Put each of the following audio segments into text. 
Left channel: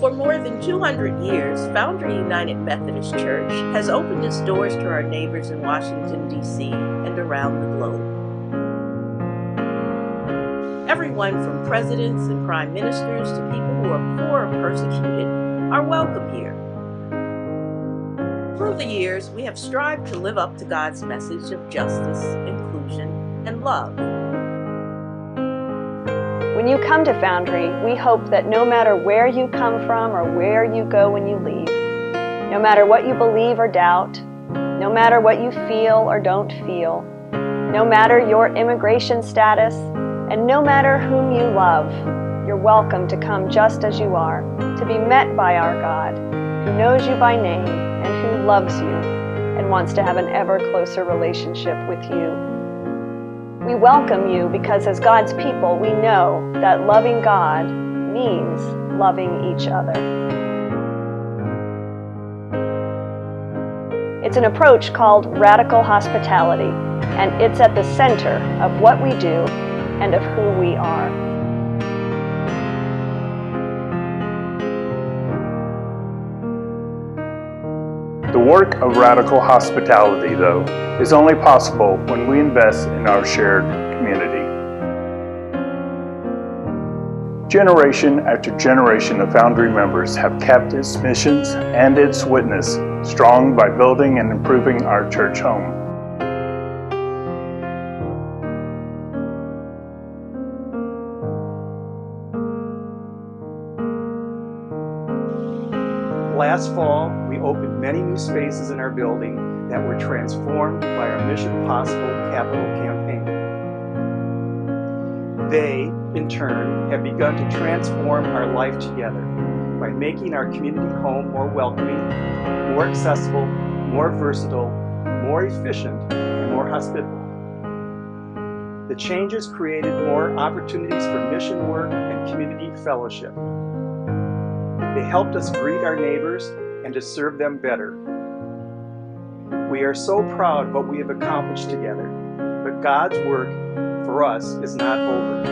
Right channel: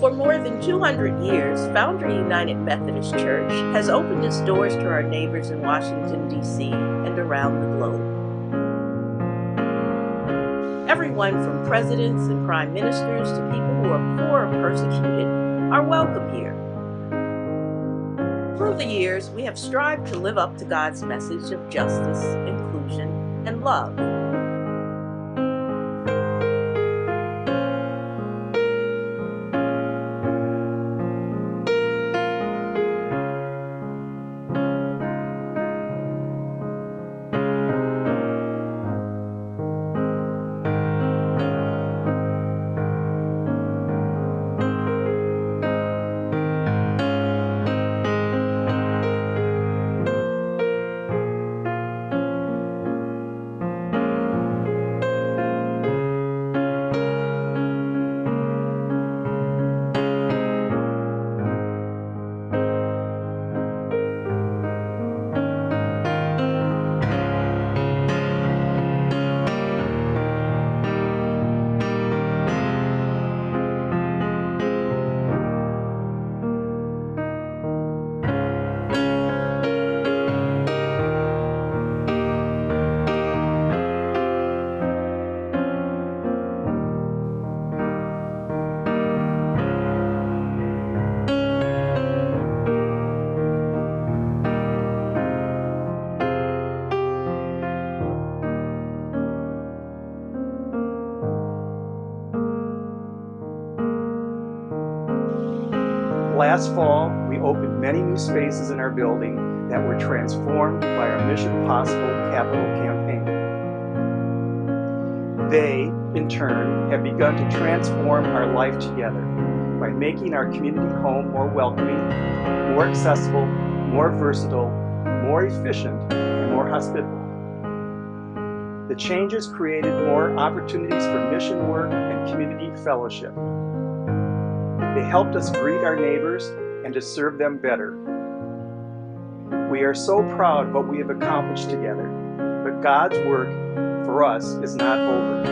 For more than 200 years, Foundry United Methodist Church has opened its doors to our neighbors in Washington, D.C. and around the globe. Everyone from presidents and prime ministers to people who are poor or persecuted are welcome here. Through the years, we have strived to live up to God's message of justice, inclusion, and love. When you come to Foundry, we hope that no matter where you come from or where you go when you leave, no matter what you believe or doubt, no matter what you feel or don't feel, no matter your immigration status, and no matter whom you love, you're welcome to come just as you are, to be met by our God, who knows you by name and who loves you and wants to have an ever closer relationship with you. We welcome you because as God's people, we know that loving God means loving each other. It's an approach called radical hospitality, and it's at the center of what we do and of who we are. The work of radical hospitality, though, is only possible when we invest in our shared community. Generation after generation of Foundry members have kept its missions and its witness strong by building and improving our church home. Last fall, we opened many new spaces in our building that were transformed by our Mission Possible capital campaign. They, in turn, have begun to transform our life together by making our community home more welcoming, more accessible, more versatile, more efficient, and more hospitable. The changes created more opportunities for mission work and community fellowship. They helped us greet our neighbors and to serve them better. We are so proud of what we have accomplished together, but God's work for us is not over.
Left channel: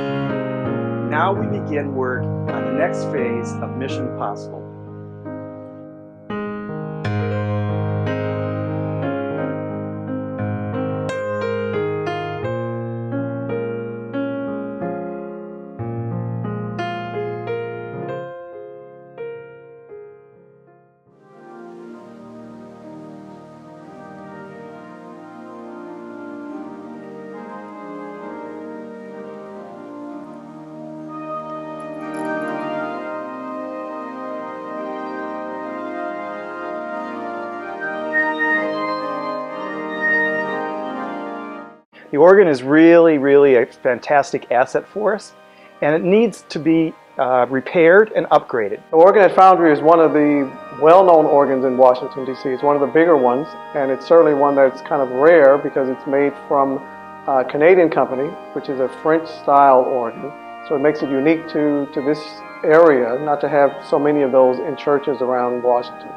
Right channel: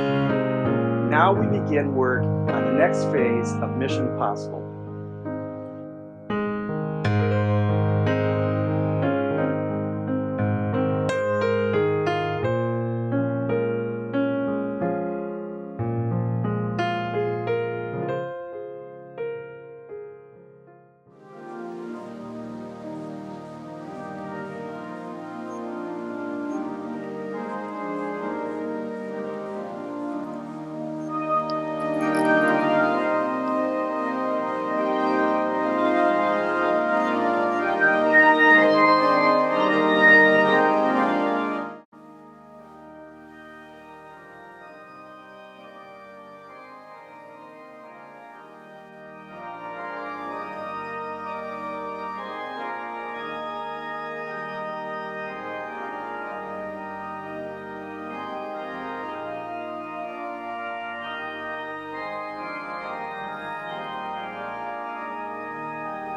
Now we begin work on the next phase of Mission Possible. The organ is really a fantastic asset for us, and it needs to be repaired and upgraded. The organ at Foundry is one of the well-known organs in Washington, D.C. It's one of the bigger ones, and it's certainly one that's kind of rare because it's made from a Canadian company, which is a French-style organ. So it makes it unique to this area, not to have so many of those in churches around Washington.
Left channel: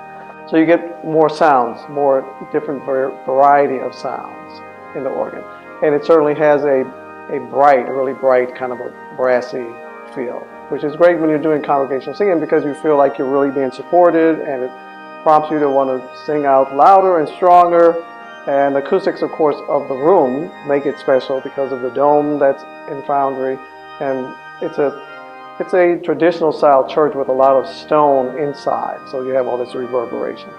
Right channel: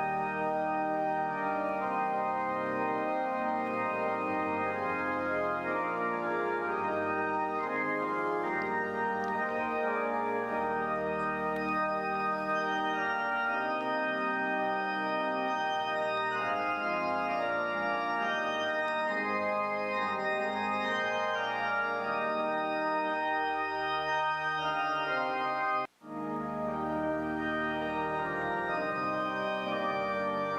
So you get more sounds, more different variety of sounds in the organ. And it certainly has a really bright kind of a brassy feel, which is great when you're doing congregational singing because you feel like you're really being supported, and it prompts you to want to sing out louder and stronger. And the acoustics, of course, of the room make it special because of the dome that's in Foundry. And it's a traditional style church with a lot of stone inside, so you have all this reverberation.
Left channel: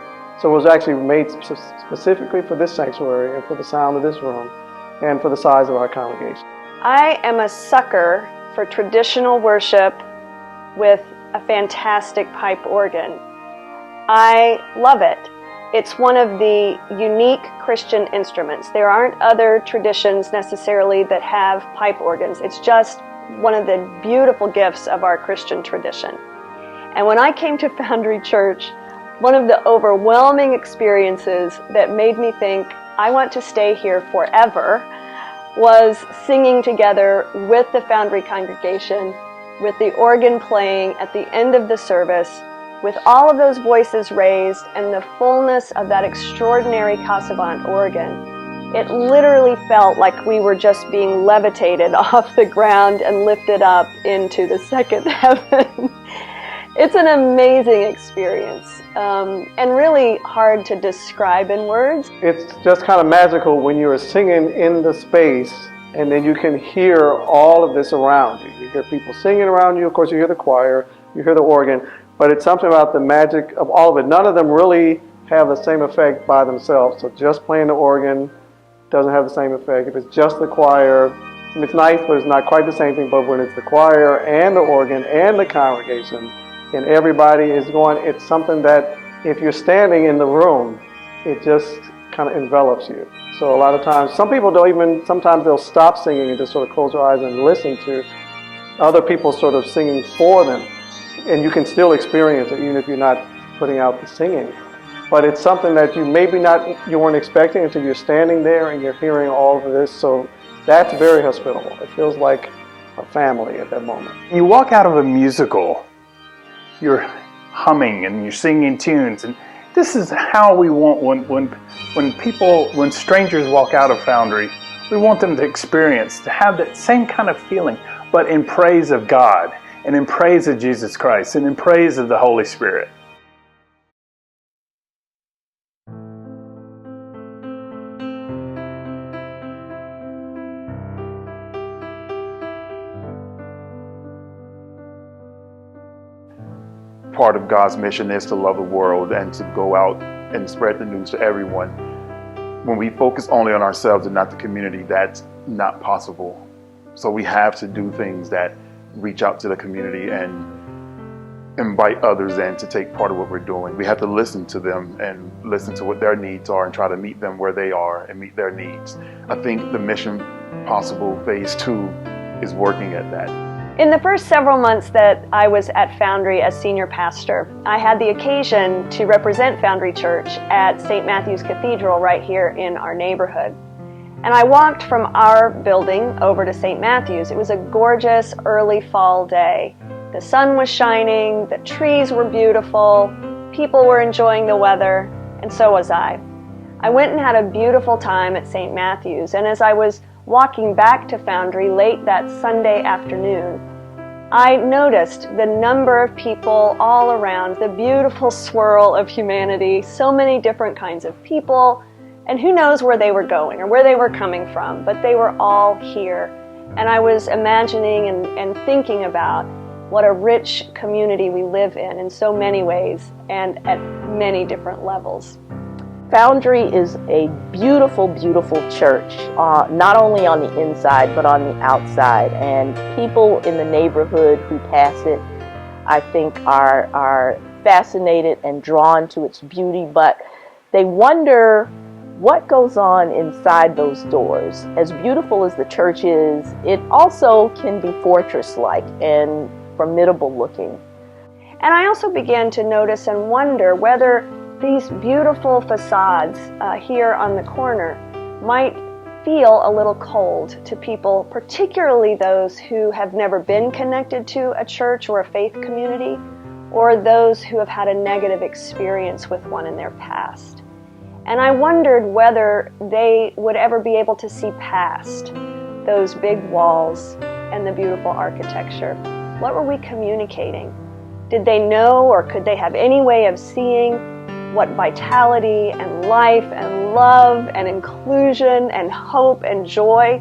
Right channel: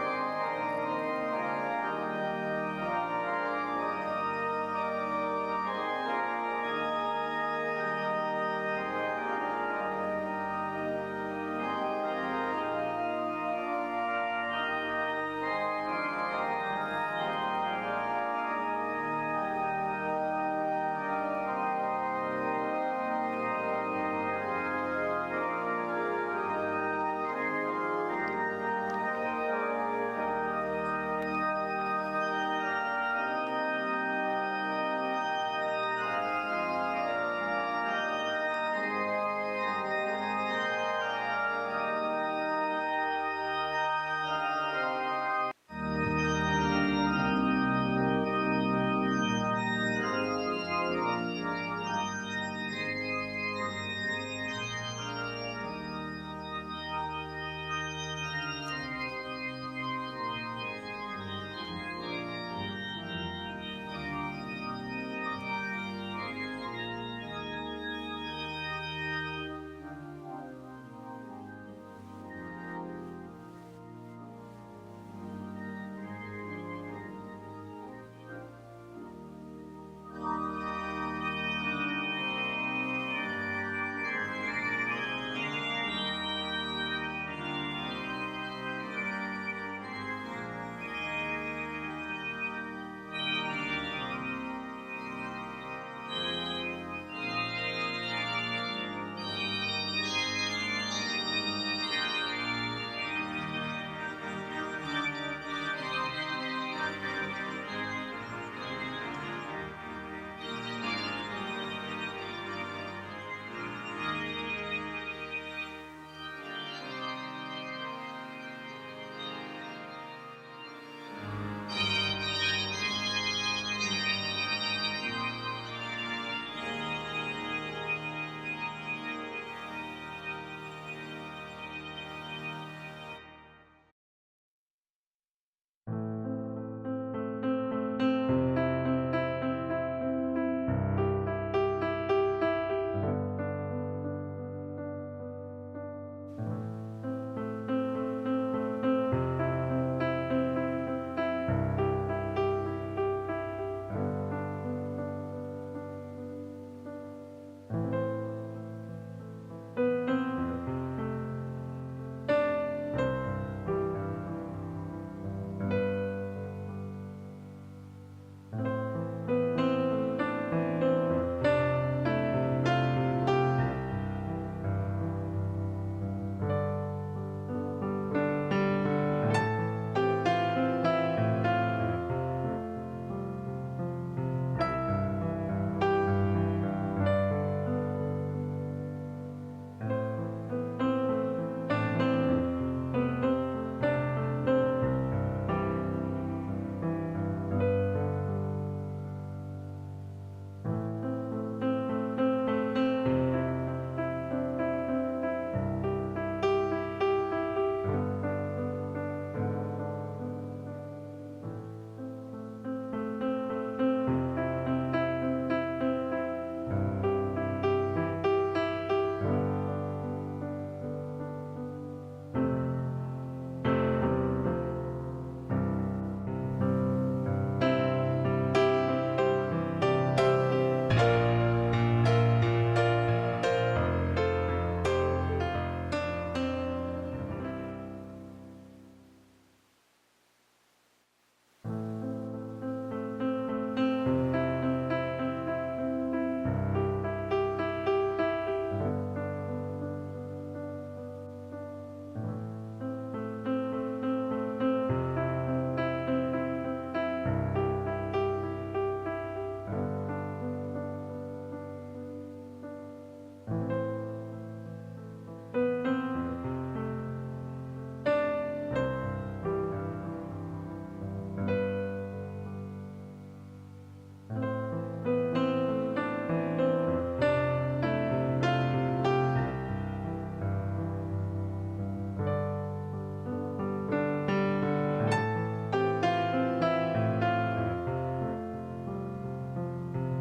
So it was actually made specifically for this sanctuary and for the sound of this room, and for the size of our congregation. I am a sucker for traditional worship with a fantastic pipe organ. I love it. It's one of the unique Christian instruments. There aren't other traditions necessarily that have pipe organs. It's just one of the beautiful gifts of our Christian tradition. And when I came to Foundry Church, one of the overwhelming experiences that made me think, I want to stay here forever, was singing together with the Foundry congregation, with the organ playing at the end of the service, with all of those voices raised and the fullness of that extraordinary Casavant organ. It literally felt like we were just being levitated off the ground and lifted up into the second heaven. It's an amazing experience, and really hard to describe in words. It's just kind of magical when you're singing in the space and then you can hear all of this around you. You hear people singing around you, of course you hear the choir, you hear the organ, but it's something about the magic of all of it. None of them really have the same effect by themselves. So just playing the organ doesn't have the same effect. If it's just the choir, it's nice, but it's not quite the same thing. But when it's the choir and the organ and the congregation and everybody is going, it's something that if you're standing in the room, it just kind of envelops you. So a lot of times, some people don't even, sometimes they'll stop singing and just sort of close their eyes and listen to other people sort of singing for them. And you can still experience it even if you're not putting out the singing. But it's something that you you weren't expecting until you're standing there and you're hearing all of this. So that's very hospitable. It feels like a family at that moment. You walk out of a musical, you're humming and you're singing tunes, and this is how we want when strangers walk out of Foundry, we want them to experience, to have that same kind of feeling, but in praise of God and in praise of Jesus Christ and in praise of the Holy Spirit. Part of God's mission is to love the world and to go out and spread the news to everyone. When we focus only on ourselves and not the community, that's not possible. So we have to do things that reach out to the community and invite others in to take part of what we're doing. We have to listen to them and listen to what their needs are and try to meet them where they are and meet their needs. I think the Mission Possible Phase 2 is working at that. In the first several months that I was at Foundry as senior pastor, I had the occasion to represent Foundry Church at St. Matthew's Cathedral right here in our neighborhood. And I walked from our building over to St. Matthew's. It was a gorgeous early fall day. The sun was shining, the trees were beautiful, people were enjoying the weather, and so was I. I went and had a beautiful time at St. Matthew's, and as I was walking back to Foundry late that Sunday afternoon, I noticed the number of people all around, the beautiful swirl of humanity, so many different kinds of people, and who knows where they were going or where they were coming from, but they were all here. And I was imagining and thinking about what a rich community we live in so many ways and at many different levels. Foundry is a beautiful, beautiful church, not only on the inside, but on the outside. And people in the neighborhood who pass it, I think, are fascinated and drawn to its beauty, but they wonder what goes on inside those doors. As beautiful as the church is, it also can be fortress-like and formidable looking. And I also began to notice and wonder whether these beautiful facades here on the corner might feel a little cold to people, particularly those who have never been connected to a church or a faith community, or those who have had a negative experience with one in their past. And I wondered whether they would ever be able to see past those big walls and the beautiful architecture. What were we communicating? Did they know, or could they have any way of seeing what vitality and life and love and inclusion and hope and joy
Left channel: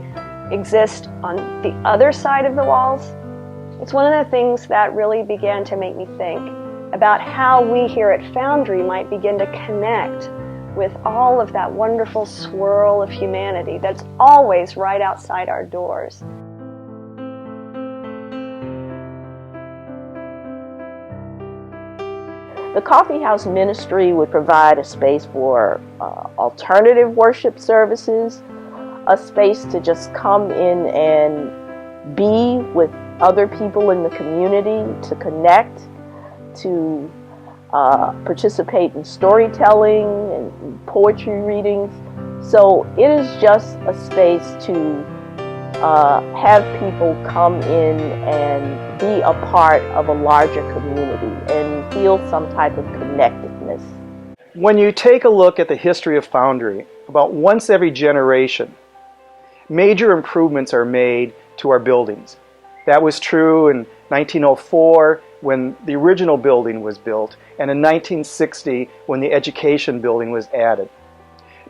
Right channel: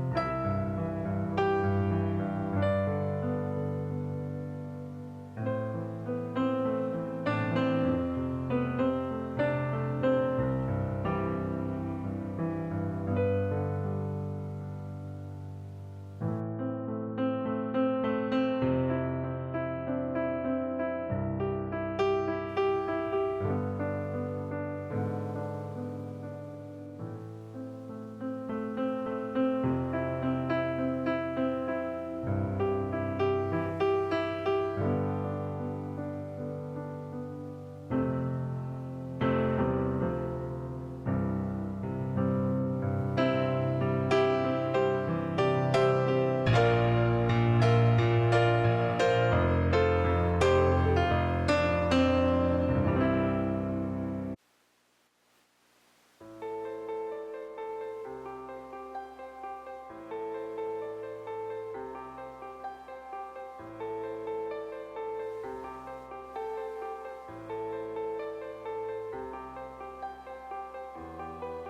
exist on the other side of the walls? It's one of the things that really began to make me think about how we here at Foundry might begin to connect with all of that wonderful swirl of humanity that's always right outside our doors. The coffeehouse ministry would provide a space for alternative worship services, a space to just come in and be with other people in the community, to connect, to participate in storytelling and poetry readings. So it is just a space to have people come in and be a part of a larger community and feel some type of connectedness. When you take a look at the history of Foundry, about once every generation, major improvements are made to our buildings. That was true in 1904, when the original building was built, and in 1960 when the education building was added.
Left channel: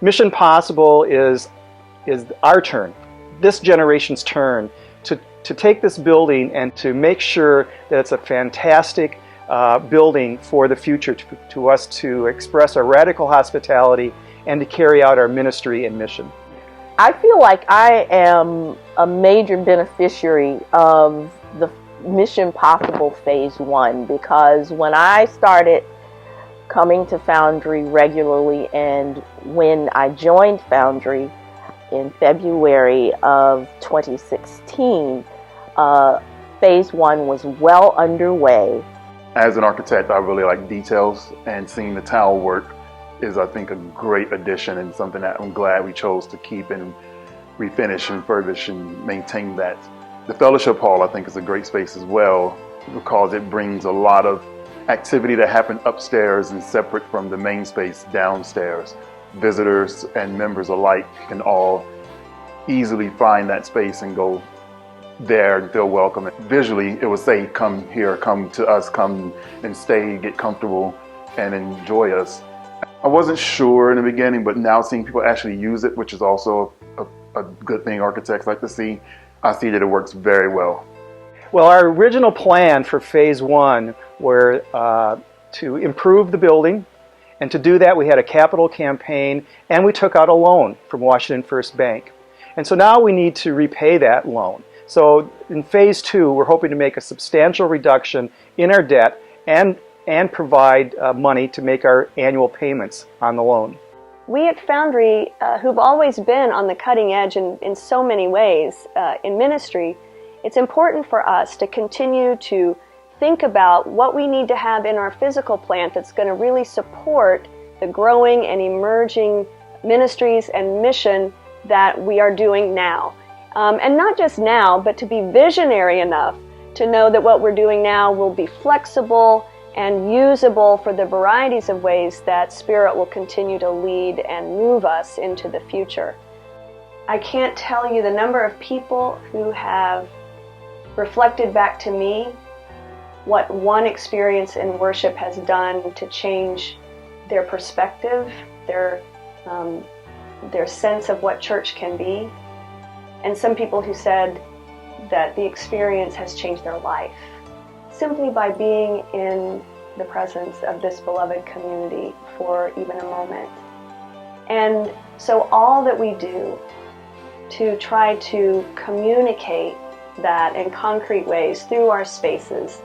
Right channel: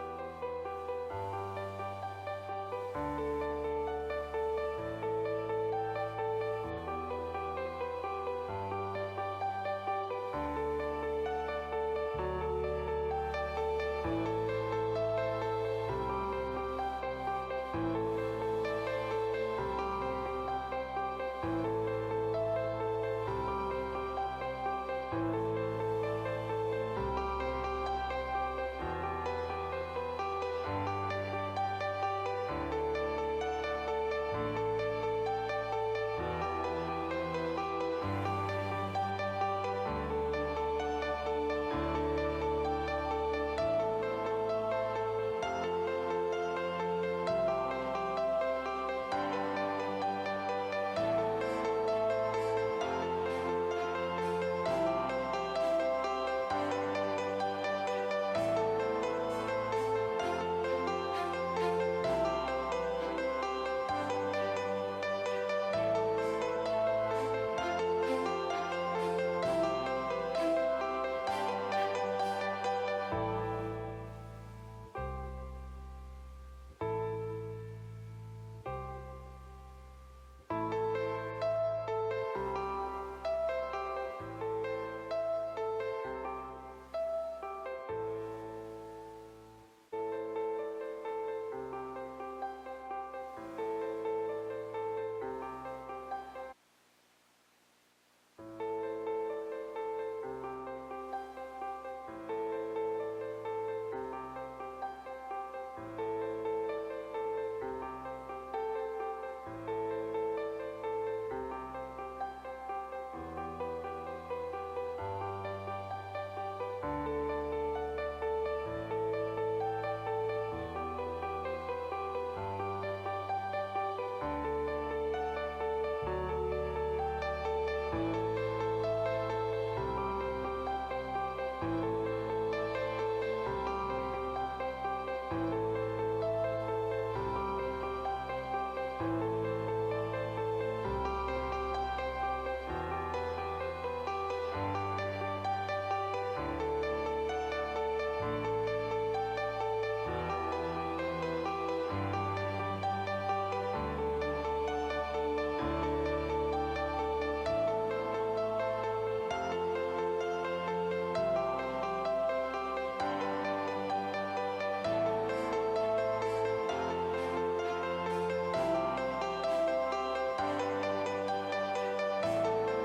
Mission Possible is our turn, this generation's turn, to take this building and to make sure that it's a fantastic building for the future, to us to express our radical hospitality and to carry out our ministry and mission. I feel like I am a major beneficiary of the Mission Possible Phase 1, because when I started coming to Foundry regularly and when I joined Foundry in February of 2016, Phase 1 was well underway. As an architect, I really like details, and seeing the tile work is, I think, a great addition and something that I'm glad we chose to keep and refinish and furbish and maintain that. The fellowship hall, I think, is a great space as well, because it brings a lot of activity that happened upstairs and separate from the main space downstairs. Visitors and members alike can all easily find that space and go there and feel welcome. Visually, it would say, come here, come to us, come and stay, get comfortable and enjoy us. I wasn't sure in the beginning, but now seeing people actually use it, which is also a good thing architects like to see, I see that it works very well. Well, our original plan for Phase 1 were to improve the building, and to do that we had a capital campaign and we took out a loan from Washington First Bank. And so now we need to repay that loan. So in Phase 2, we're hoping to make a substantial reduction in our debt and provide money to make our annual payments on the loan. We at Foundry, who've always been on the cutting edge in so many ways in ministry, it's important for us to continue to think about what we need to have in our physical plant that's going to really support the growing and emerging ministries and mission that we are doing now. And not just now, but to be visionary enough to know that what we're doing now will be flexible and usable for the varieties of ways that Spirit will continue to lead and move us into the future. I can't tell you the number of people who have reflected back to me what one experience in worship has done to change their perspective, their sense of what church can be, and some people who said that the experience has changed their life simply by being in the presence of this beloved community for even a moment. And so all that we do to try to communicate that in concrete ways through our spaces,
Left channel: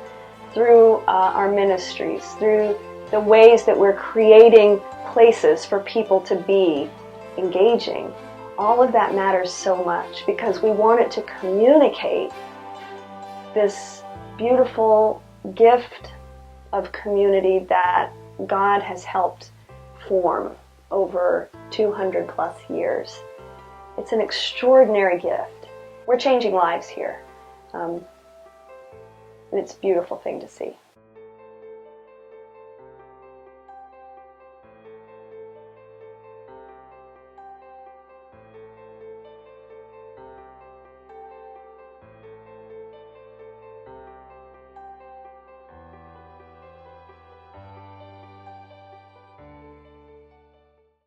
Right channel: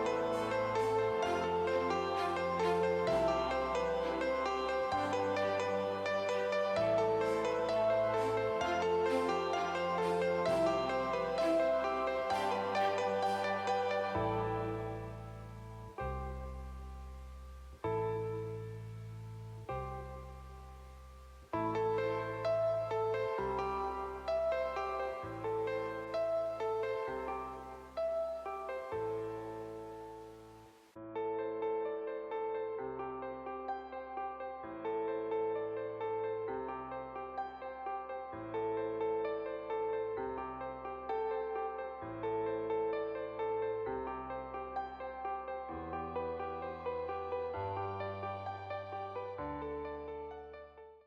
through our ministries, through the ways that we're creating places for people to be engaging, all of that matters so much, because we want it to communicate this beautiful gift of community that God has helped form over 200 plus years. It's an extraordinary gift. We're changing lives here. And it's a beautiful thing to see.